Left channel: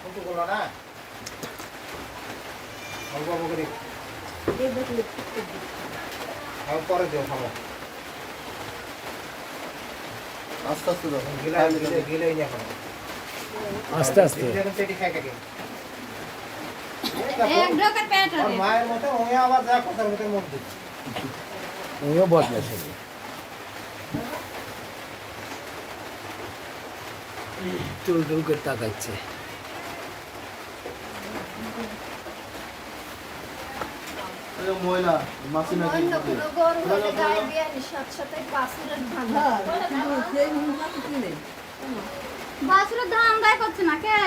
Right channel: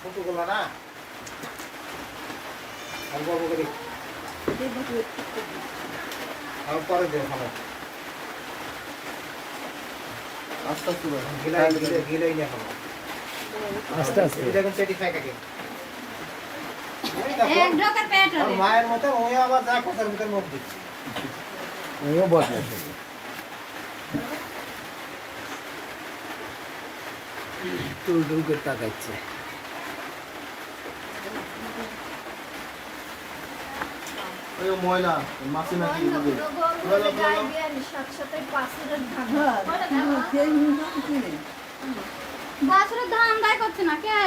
ছোটগুলো না অল্প অল্প করে পরে দিও খাবো আস্তে আস্তে গিলাই নিয়ে খাবো আস্তে আস্তে দেখুন চেটি খাই কাকে মায়ের মতো ওই আবার যা কথার ভিতর মুখ দিচ্ছে ওইও বদমাশ হবে। টুল টুল করে তাকাচ্ছে। ময়লা মাছি নাকি বাছুরের ধান গায়ে করছে না কে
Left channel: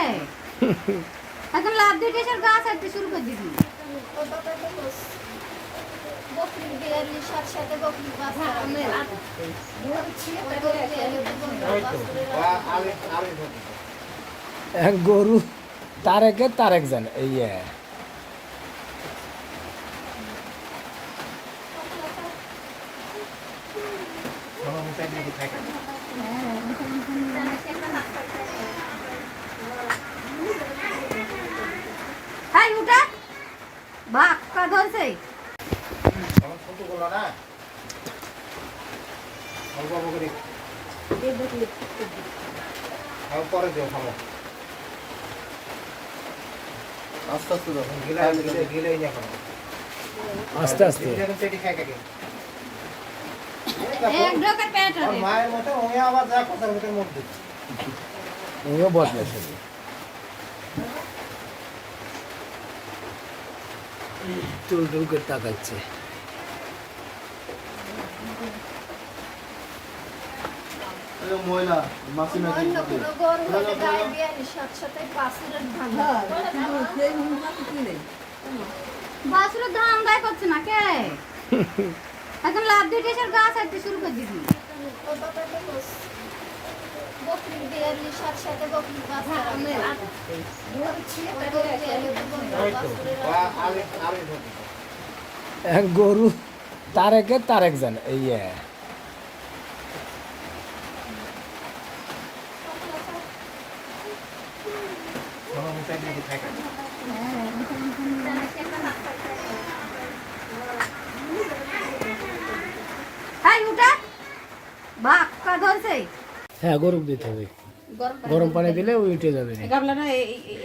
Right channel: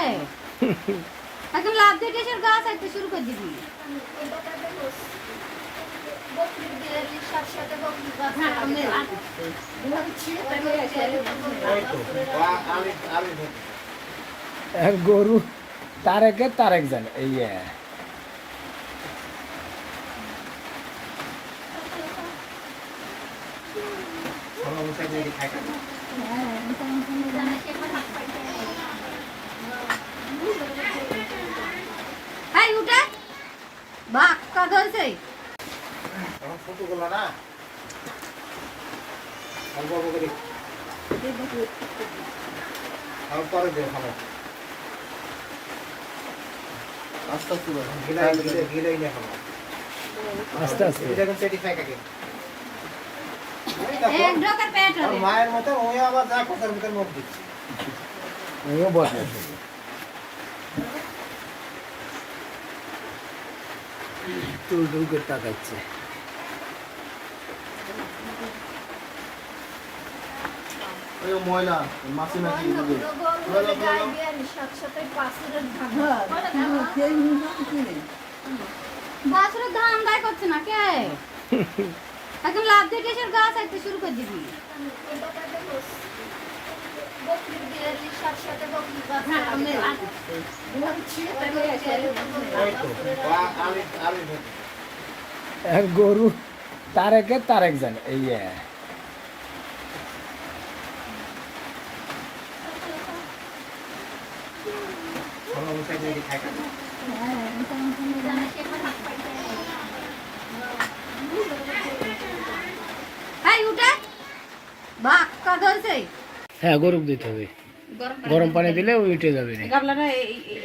এখন লাভ দিয়ে কিসের গাছ একটু শুরু করে দিবি এক গরু তারেকে তারেক জানে এই হ্যাঁ উঠে বাঘ কা ধরছে ছোটগুলো না অল্প অল্প করে পরে দিও খাবো আস্তে আস্তে গিলাই নিয়ে খাবো আস্তে আস্তে দেখুন চেটি খাই কাকে মায়ের মতো ওই আবার যা কথার ভিতর মুখ দিচ্ছে ওইও বদমাশ হবে। টুল টুল করে তাকাচ্ছে। ময়লা মাছি নাকি বাছুরের ধান গায়ে করছে না কে এখন লাভ দিয়ে কিসের গাছ একটু শুরু করে দিবি এক গরু তারেকে তারেক জানে এই হ্যাঁ উঠে বাঘ কা ধরছে হ্যাঁ গরম দিতে হবে গরম পানি দিলে ওই উঠে যাবে না। গাবলাটা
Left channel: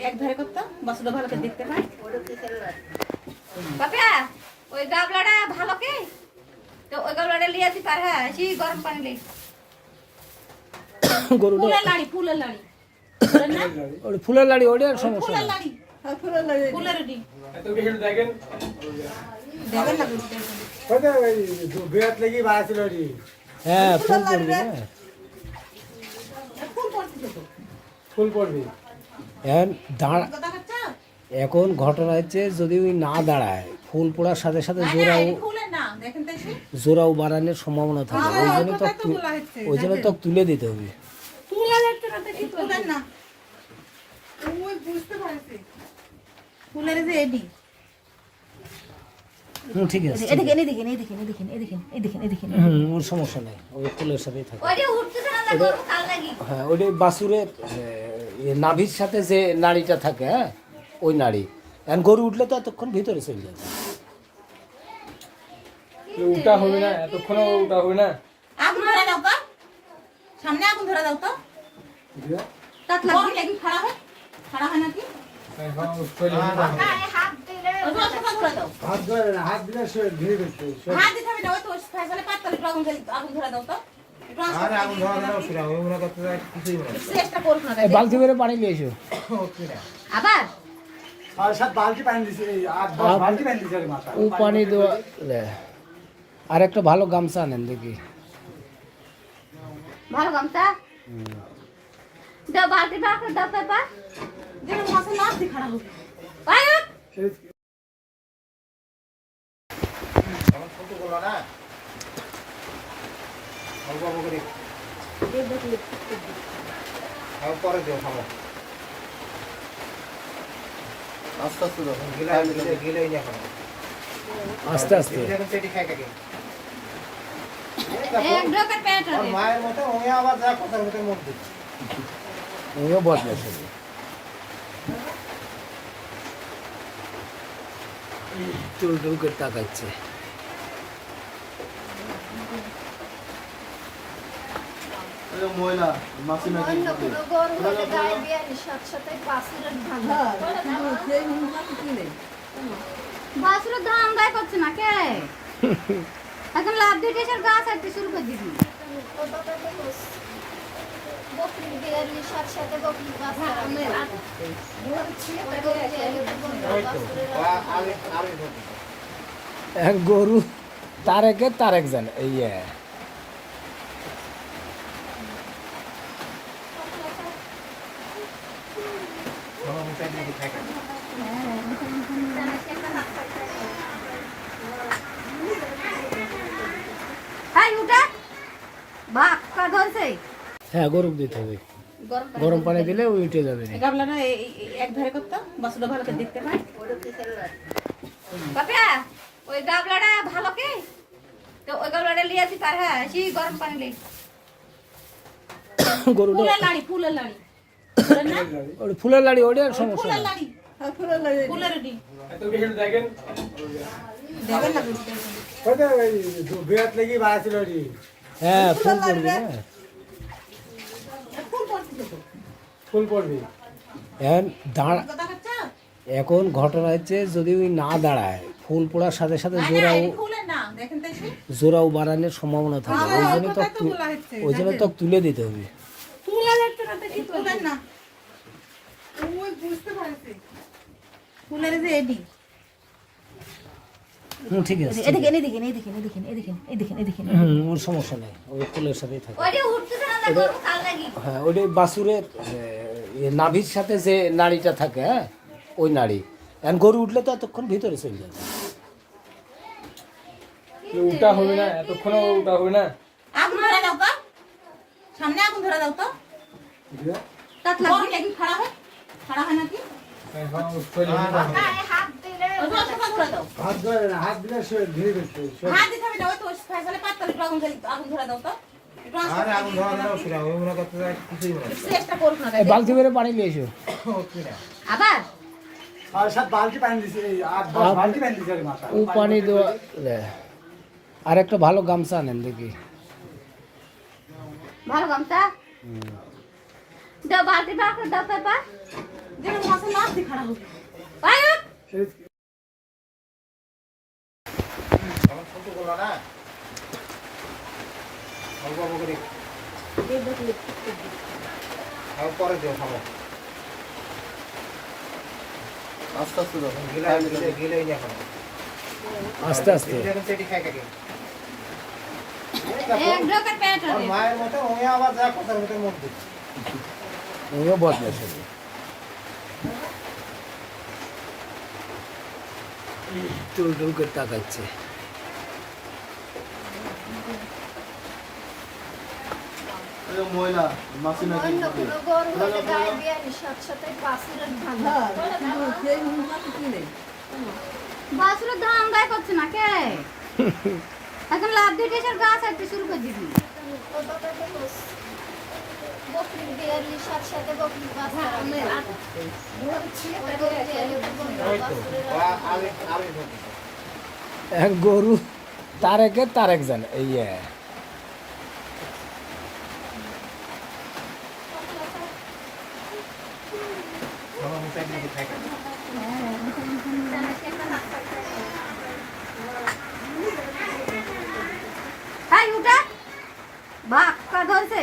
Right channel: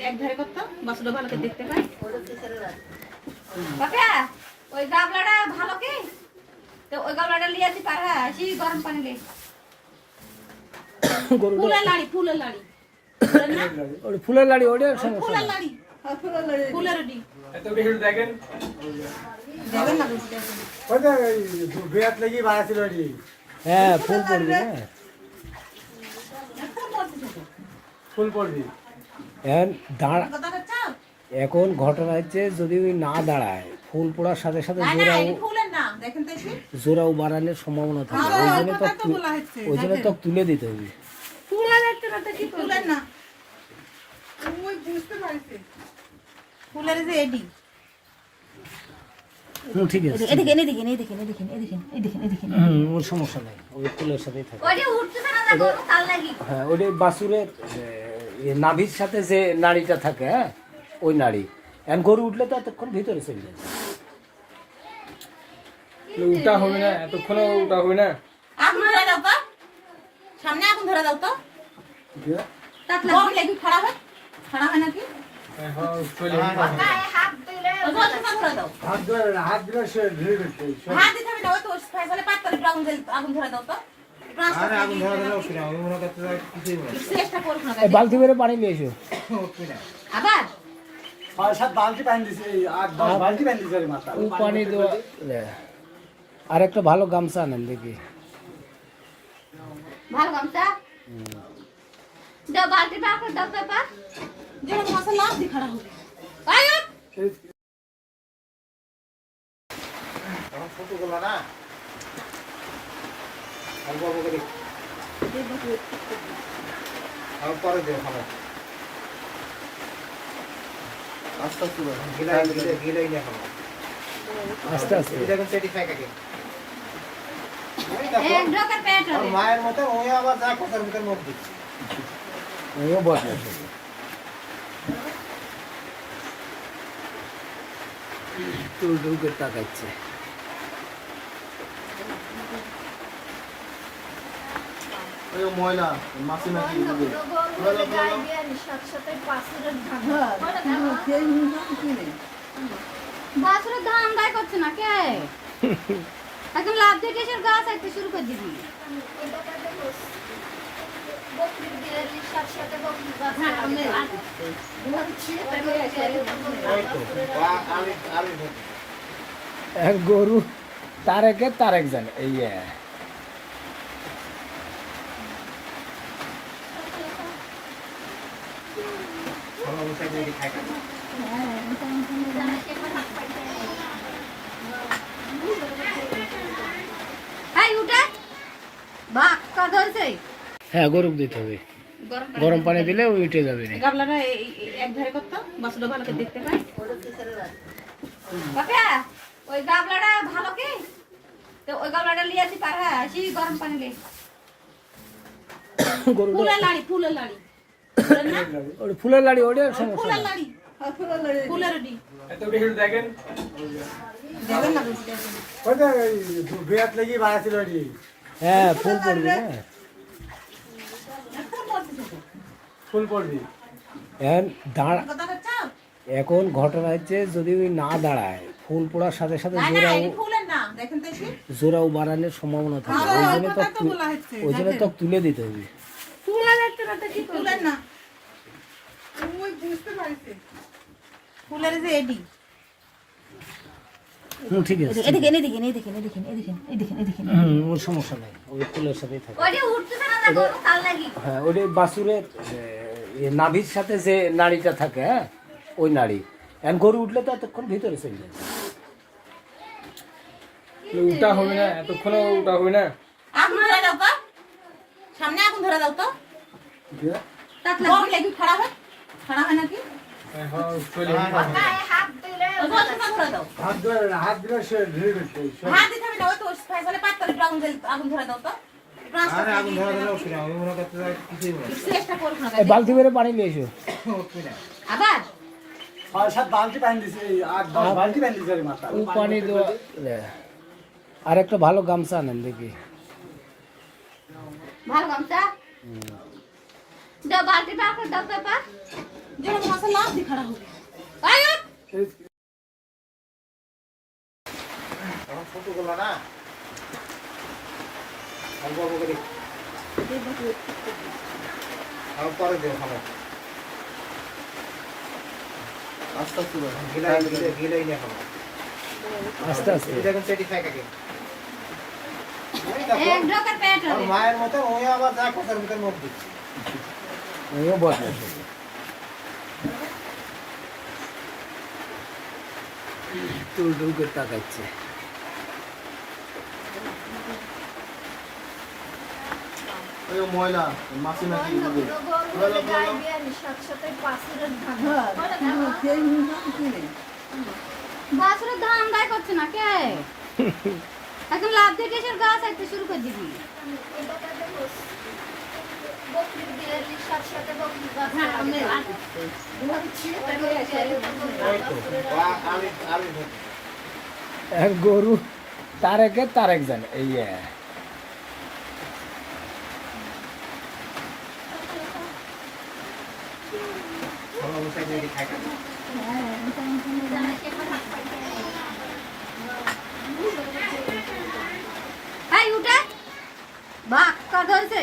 এক ধারে করতো বাসুটা ভালো করে দেখতে পাই বাপা ওই গাবলাটা ভালো কি তো ওই গাবলাটা লিয়ে দি তার হ্যাঁ সেই গরম পানি দিই গরুটা ফুলের লাড়ি ওটা ফুলের লাড়ি ওটার সমস্যা ফুলের নেই। লাড়ি ফুলের ডি দেখেন দেখেন না বিরাট লেগে বাড়াছিল হ্যাঁ ফুল পড়বি না ফুল পড়তেছে তো ফুল পড়বি এখন দাঁড়া কথা চাও এখন ঘটনা হচ্ছে যদি ওই না দাঁড়ায় ফুল পড়ার সাথে সাথে ফুলের না দেখেন তো এসে জোড়াও বাড়ানোর সম্ভাবনা থাকে ওই জন্য তো তুলে দিতে হবে। ফুলের দেখতে না কি ফুলের না ওই বুঝতে পারছি ফুলের যে এডি ঠিক আছে এদিকে ওর সমস্যা নেই ওই ফুলের সাথেই থাকে। ওই যে উঠতেছে না গরু তার লাগি হ্যাঁ ওই বাছুরের নাভির সাথে যে নাড়িটা থাকে হ্যাঁ ওই নাড়ি এখন গরু উঠলে তো এতক্ষণ ভিতরে চলে যাবে। উল্টা হবে না এতক্ষণ উল্টা হবে না আগুন ধরে দাও তো সামনে আগুন ধরে দাও তো তাত লাগি কি খারাপ হয় নাকি হাত দিলে ধরে দাও হাত দিলে সে ধীরে ধীরে হাত দিতে হবে না ওই তো ফাইসালে পাতলে আগুন ধরে দাও তো আরে আগুন ধরে দাও ফিরে আমি মনে করতে কিছুই মনে চেষ্টা করছ না এই বালতি করে পানি নিয়ে এসো। আবার 6-7 বালতি পানি দিছি 8-10 বালতি পানি দিছি মাথা ও পানি দেওয়া আর একটা ভালো গামছা আনেন দেখি। ভালো গামছা দাও বালতি পাক দাও তো পা যেন মশলা লাভ দি খারাপ হবে আয় ছোটগুলো না অল্প অল্প করে পরে দিও খাবো আস্তে আস্তে গিলাই নিয়ে খাবো আস্তে আস্তে দেখুন চেটি খাই কাকে মায়ের মতো ওই আবার যা কথার ভিতর মুখ দিচ্ছে ওইও বদমাশ হবে। টুল টুল করে তাকাচ্ছে। ময়লা মাছি নাকি বাছুরের ধান গায়ে করছে না কে এখন লাভ দিয়ে কিসের গাছ একটা শুরু করে দিবি এক গরু তারেকে তারেক জানে এই হ্যাঁ উঠে বাঘ ধরছে হ্যাঁ গরু দিতে হবে, গরম পানি দিলে ওই উঠে যাবে না। গাবলাটা এক ধারে করতো বাসুটা ভালো করে দেখতে পাই। বাপা ওই গাবলাটা ভালো কি তো ওই গাবলাটা লিয়ে আসি তার হ্যাঁ আসি গরম পানি লে গরুটা ফুলের লাড়ি ফুলের লাড়ি ওই ফুলের লাড়ি ওটা সমস্যা ফুলের না। লাড়ি ফুলের লাড়ি দেখেন দেখেন না বিরাট লেগে বাড়াছিল হ্যাঁ ফুল পড়বি না, ফুল পড়বি এখন দাঁড়া। কথা চাও এখন ঘটনা হচ্ছে যদি ওই না দাঁড়ায় ফুল পড়ার সাথে সাথে ফুলের না দেখেন তো এসে জোড়াও বাড়ানোর সম্ভাবনা থাকে, ওই জন্য তো ওই জন্য তো তুলে দিতে হবে। ফুলা দেখতে না কি ফুলের না ওই বুঝতে পারছি ফুলের যে এডি ঠিক আছে, এদিকে এদিকে এদিকে এদিকে এদিকে এদিকে এদিকে ওর সমস্যা নেই, ওই ফুলের সাথেই থাকে। ওইটা উঠতে না গরু কাল লাগি হ্যাঁ ওই বাছুরের নাভির সাথে যে নাড়িটা থাকে, হ্যাঁ ওই নাড়ি। এখন গরু উঠলে তো এতক্ষণ ভিতরে চলে যাবে। উল্টা হবে না, এতক্ষণ উল্টা হবে না। আগুন ধরে দাও তো সামনে আগুন ধরে দাও তো তাত বল লাগি কি খাড়া হয় নাকি হাত দিলে ওই বলটা ধরে দাও হাত ধরে না, হাত দিলে সে ধরে ফেলছে। হাত দিতে হবে না ওই তো ফাইলে পাত করে আগুন ধরে দাও তো আগুন ধরে দাও চেষ্টা করুন না এই বালতি করে পানি নিয়ে এসো। আবার 6-7 বালতি পানি দিছে, 8-10 বালতি পানি দিছে মাথা। ও পানি দেওয়া আর একটা ভালো গামছা আনেন দেখি। ভালো গামছা দাও বালতি পার করে দাও পাপা যেন মশলা লাভ দি খাড়া হবে আয় আস্তে আস্তে এক ঢোকের পেট হবে মায়ের মতো ওই আবার যায় কথার ভিতর মধ্যে। ওইও বদলাইছে। টুল টুল করে তাকাচ্ছে। ময়লা মাছি নাকি বাছুরের ধান গায়ে করছে না কে এখন লাভ দিয়ে কিসের গাছ একটা শুরু করে দিবি এক গরু তারেকে তারেক জানে এই হ্যাঁ উঠে বাঘ ধরছে